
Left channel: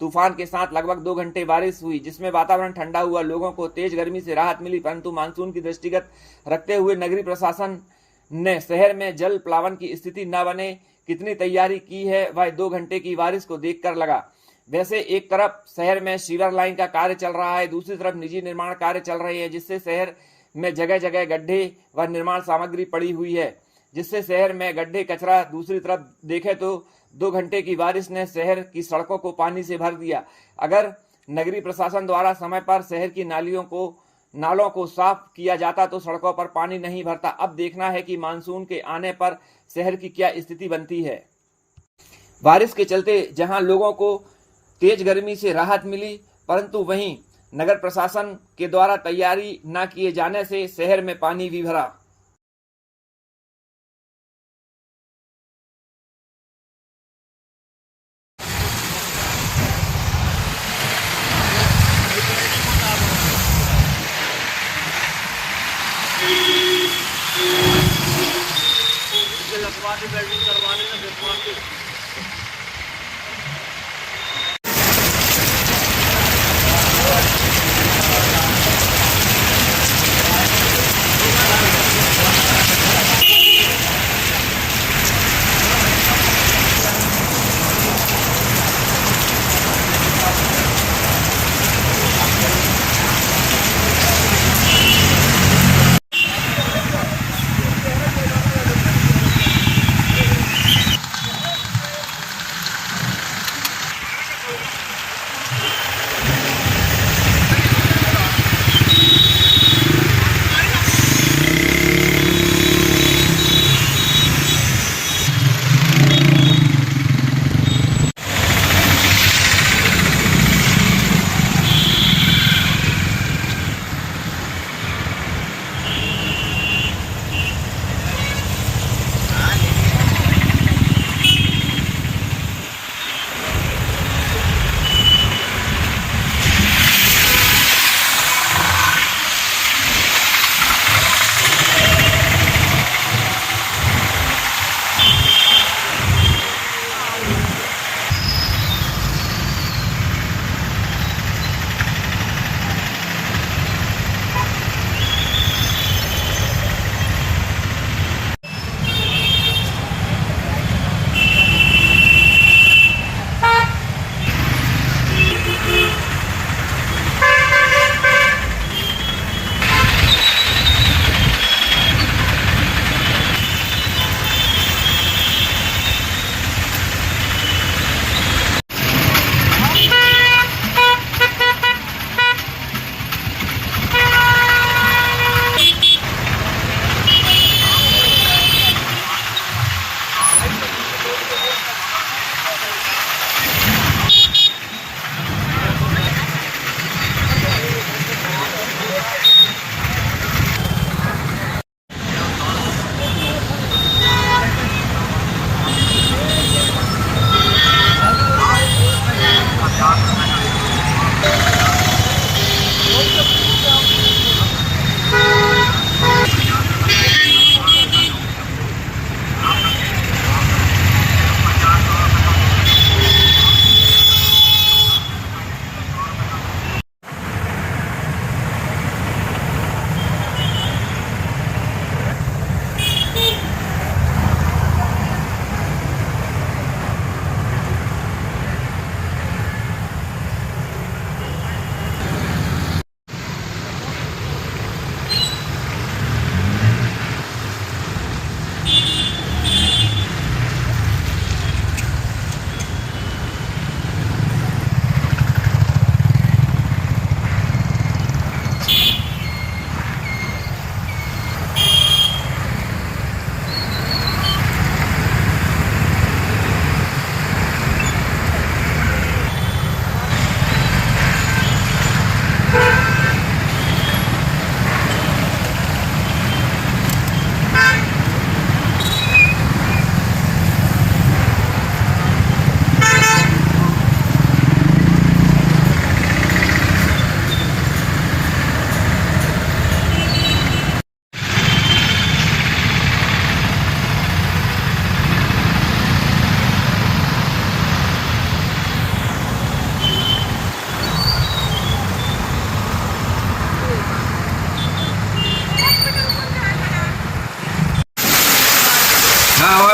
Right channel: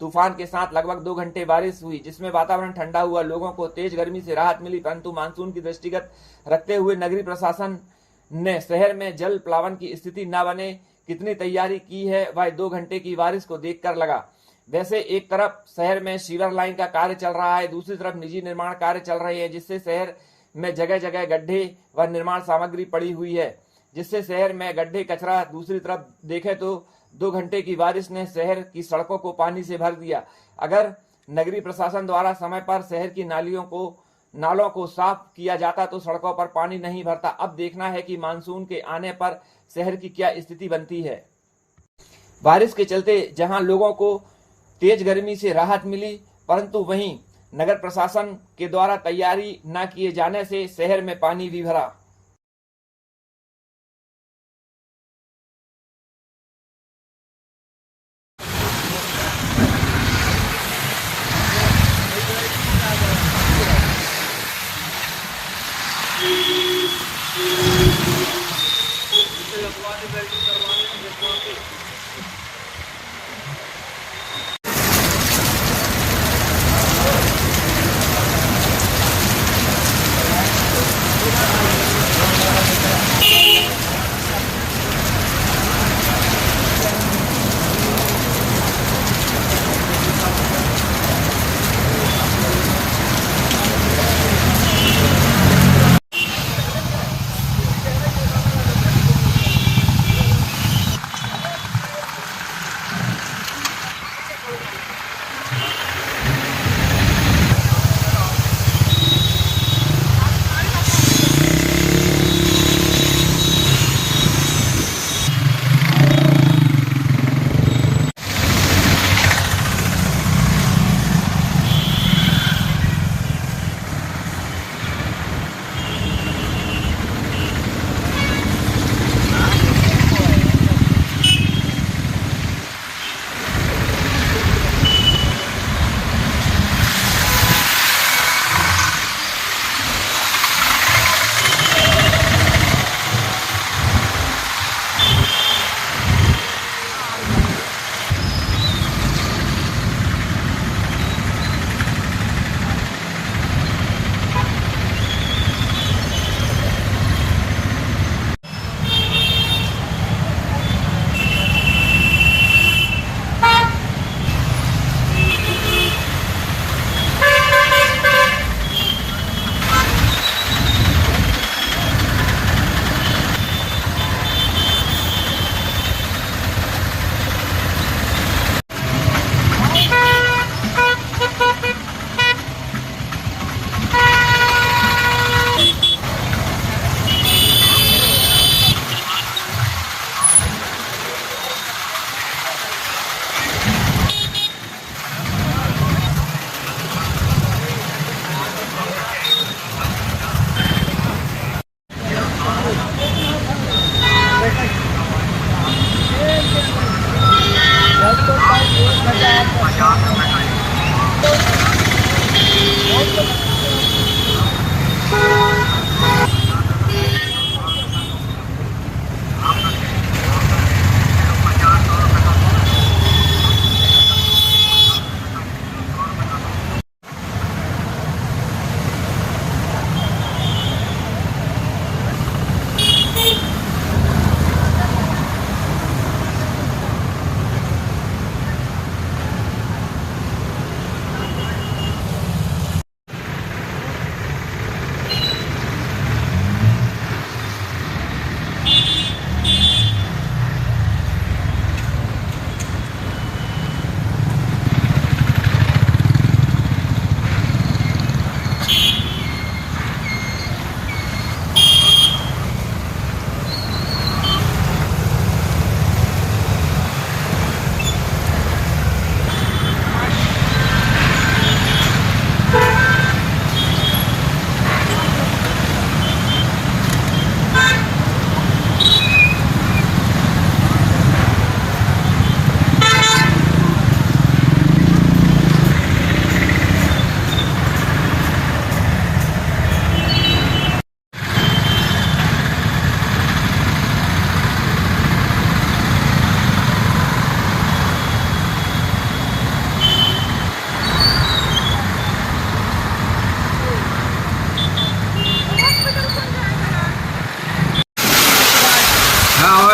तूफान के साथ लगभग 2 घंटे बारिश हुई, जिसमें वातावरण ठंडा हुआ। लोगों को तेज गर्मी से राहत मिली, परंतु मानसून की दृष्टिगत रखते हुए नगरीय प्रशासन ने शहर में जल प्लावन की स्थिति न बने कितनी तैयारी की है वह 2 घंटे की बारिश को देखकर लगा। वैसे एक तरफ शहर में सीवर लाइन का कार्य चल रहा है, दूसरी तरफ निजी निर्माण कार्य चल रहे हैं, जिससे शहर में जगह जगह गड्ढे व निर्माण सामग्री पड़ी हुई है, जिससे शहर में गड्ढे कचरा। दूसरी तरफ देखें तो 2 घंटे की बारिश ने शहर की सड़कों को पानी से भर दिया। अगर नगरीय प्रशासन द्वारा समय पर शहर की नालों को साफ किया जाता तो सड़कों पर पानी नहीं भरता। अब देखना है कि मानसून के आने पर शहर की क्या स्थिति बनती है। बारिश के चलते जहां लोगों को तेज गर्मी से राहत मिली, परंतु वहीं नगर प्रशासन के द्वारा तैयारी न किए जाने से शहर में पानी भी भरा।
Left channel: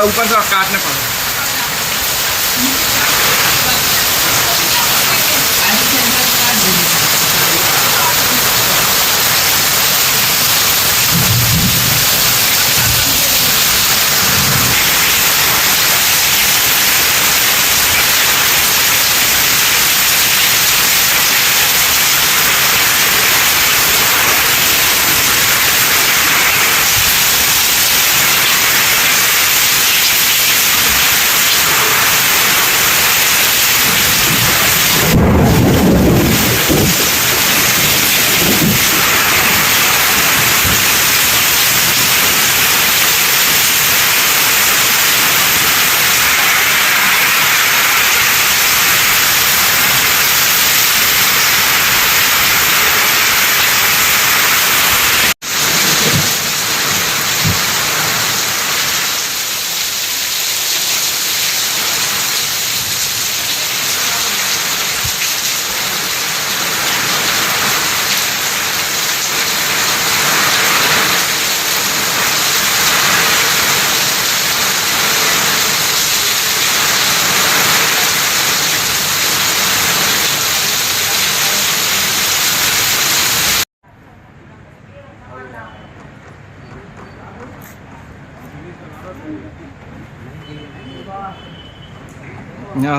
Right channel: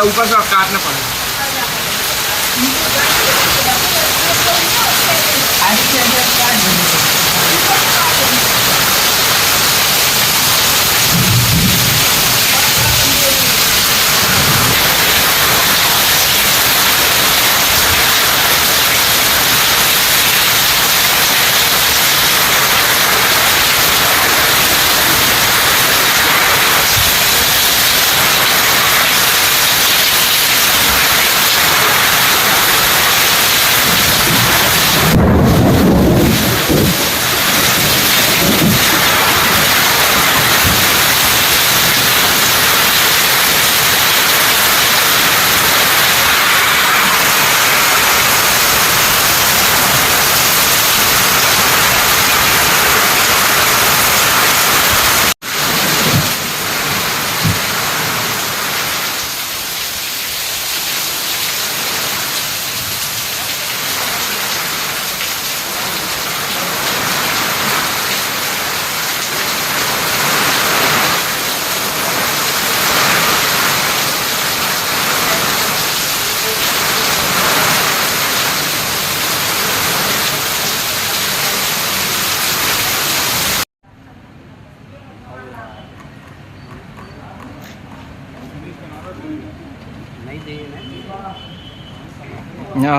ऊपर से काटना पड़ेगा।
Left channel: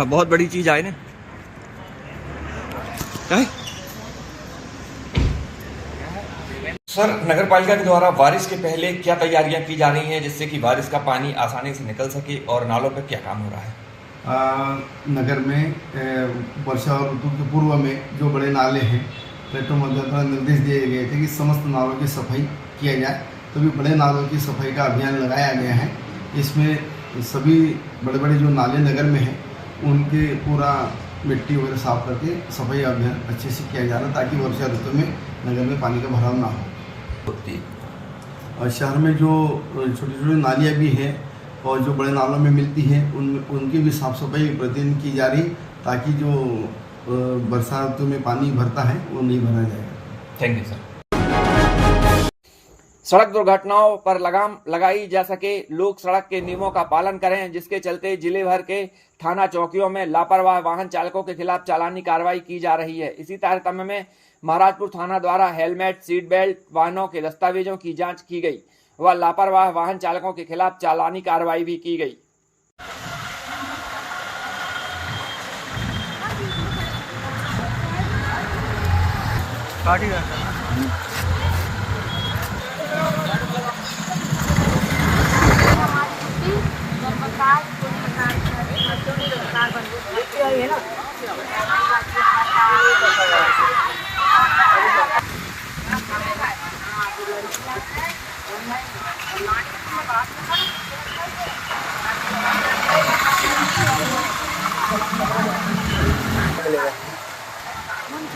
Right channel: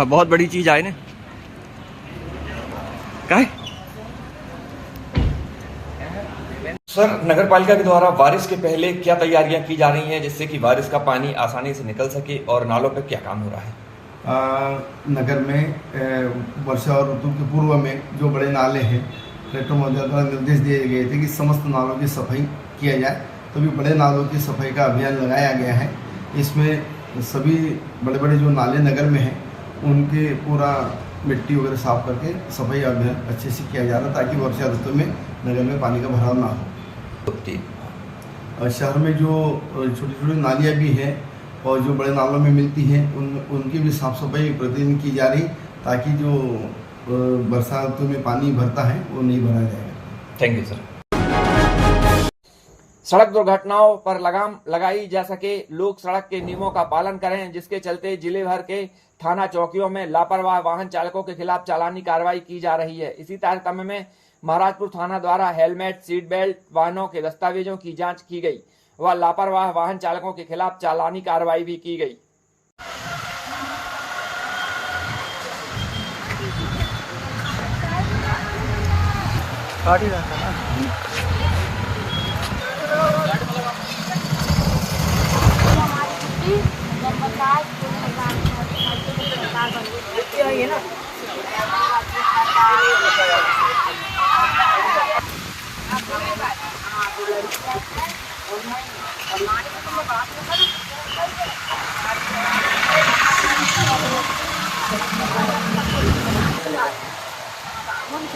बहुत बड़ी चीज आए ने क्या है? सर, नगर पालिका के द्वारा बारिश के पहले क्या तैयारियां की जा रही हैं जिससे कि बारिश का पानी आसानी से निकल सके और नालों पर क्या काम हो रहा है? नगर में वर्षा और ऋतु के पूर्व में जो बड़े नाले हैं, कलेक्टर महोदय द्वारा निर्देश दिए गए थे कि समस्त नालों की सफाई किया जाए, तो भी बड़े नालों की सफाई का अभियान लगाया गया है। इसमें सभी बड़े बड़े जो नाले नगर में हैं उनके पूरा मिट्टी वगैरह साफ करके सफाई अभियान अच्छे से किया जा रहा है ताकि वर्षा ऋतु में नगर में पानी का भराव ना हो। और शहर में जो छोटी छोटी नालियाँ भी हैं और जो बड़े नालों में मिलती हैं उनकी भी साफ सफाई प्रतिदिन की जा रही ताकि जो वर्षा ऋतु में पानी भरता है वो नहीं भरा जाएगा। Thank you sir. सड़क दुर्घटनाओं पर लगाम लगाई जा सके, लोग सड़क के नियमों का पालन करें, जिसके चलते जिले भर के थाना चौकियों में लापरवाह वाहन चालकों के खिलाफ चालानी कार्रवाई की जा रही है। इसी तारतम्य में महाराजपुर थाना द्वारा हेलमेट, सीट बेल्ट, वाहनों के दस्तावेजों की जांच की गई व लापरवाह वाहन चालकों के खिलाफ चालानी कार्रवाई भी की गई।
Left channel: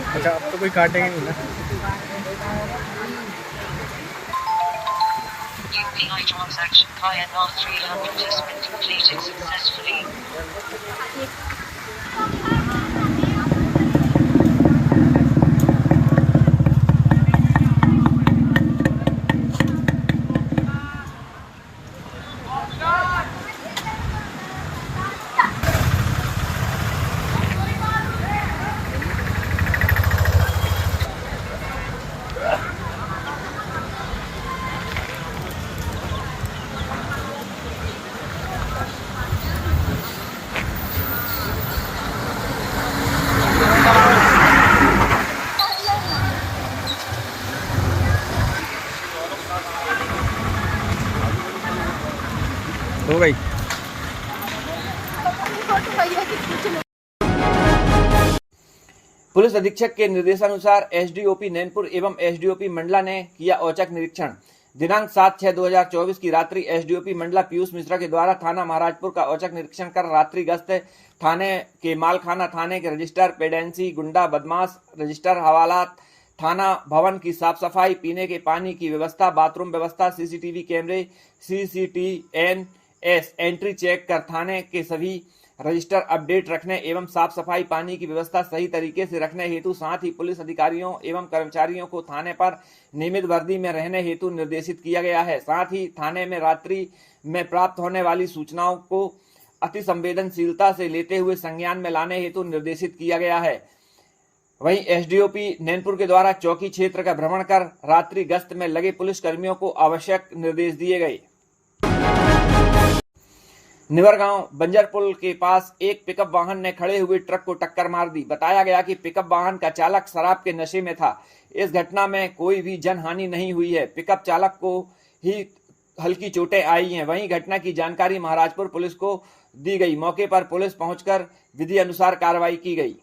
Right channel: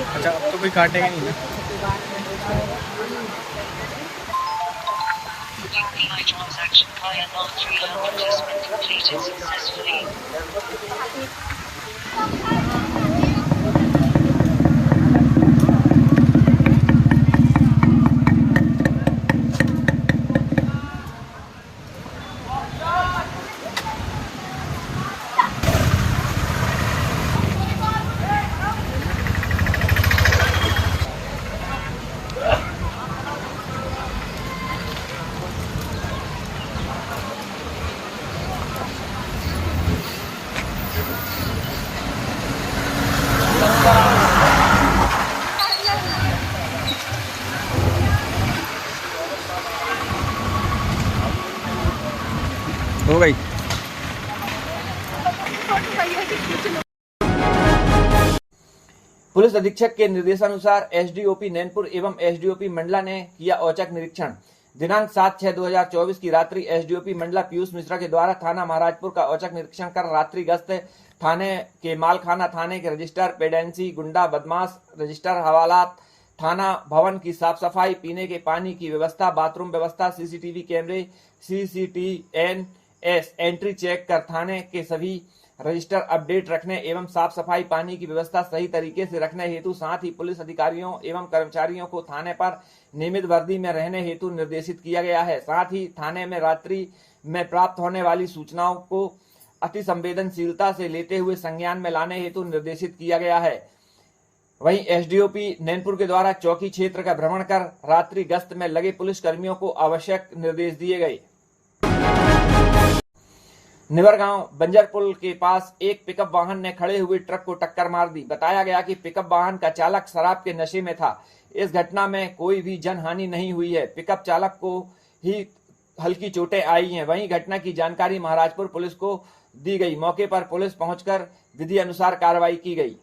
अच्छा, अब तो कोई काटेगा नहीं ना। UPI transaction INR 300 has been completed successfully. हो गई। पुलिस अधीक्षक के निर्देशानुसार एसडीओपी नैनपुर एवं एसडीओपी मंडला ने किया औचक निरीक्षण। दिनांक 7/6/2024 की रात्रि एसडीओपी मंडला पीयूष मिश्रा के द्वारा थाना महाराजपुर का औचक निरीक्षण कर रात्रि गश्त थाने के मालखाना, थाने के रजिस्टर, पेडेंसी, गुंडा बदमाश रजिस्टर, हवालात, थाना भवन की साफ सफाई, पीने के पानी की व्यवस्था, बाथरूम व्यवस्था, सीसीटीवी कैमरे, CCTNS एंट्री चेक कर थाने के सभी रजिस्टर अपडेट रखने एवं साफ सफाई, पानी की व्यवस्था सही तरीके से रखने हेतु, साथ ही पुलिस अधिकारियों एवं कर्मचारियों को थाने पर नियमित वर्दी में रहने हेतु निर्देशित किया गया है। साथ ही थाने में रात्रि में प्राप्त होने वाली सूचनाओं को अति संवेदनशीलता से लेते हुए संज्ञान में लाने हेतु निर्देशित किया गया है। वहीं एसडीओपी नैनपुर के द्वारा चौकी क्षेत्र का भ्रमण कर रात्रि गश्त में लगे पुलिस कर्मियों को आवश्यक निर्देश दिए गए। निवरगांव बंजर पुल के पास एक पिकअप वाहन ने खड़े हुए ट्रक को टक्कर मार दी। बताया गया कि पिकअप वाहन का चालक शराब के नशे में था। इस घटना में कोई भी जनहानि नहीं हुई है। पिकअप चालक को ही हल्की चोटें आई हैं। वहीं घटना की जानकारी महाराजपुर पुलिस को दी गई। मौके पर पुलिस पहुंचकर विधि अनुसार कार्रवाई की गई।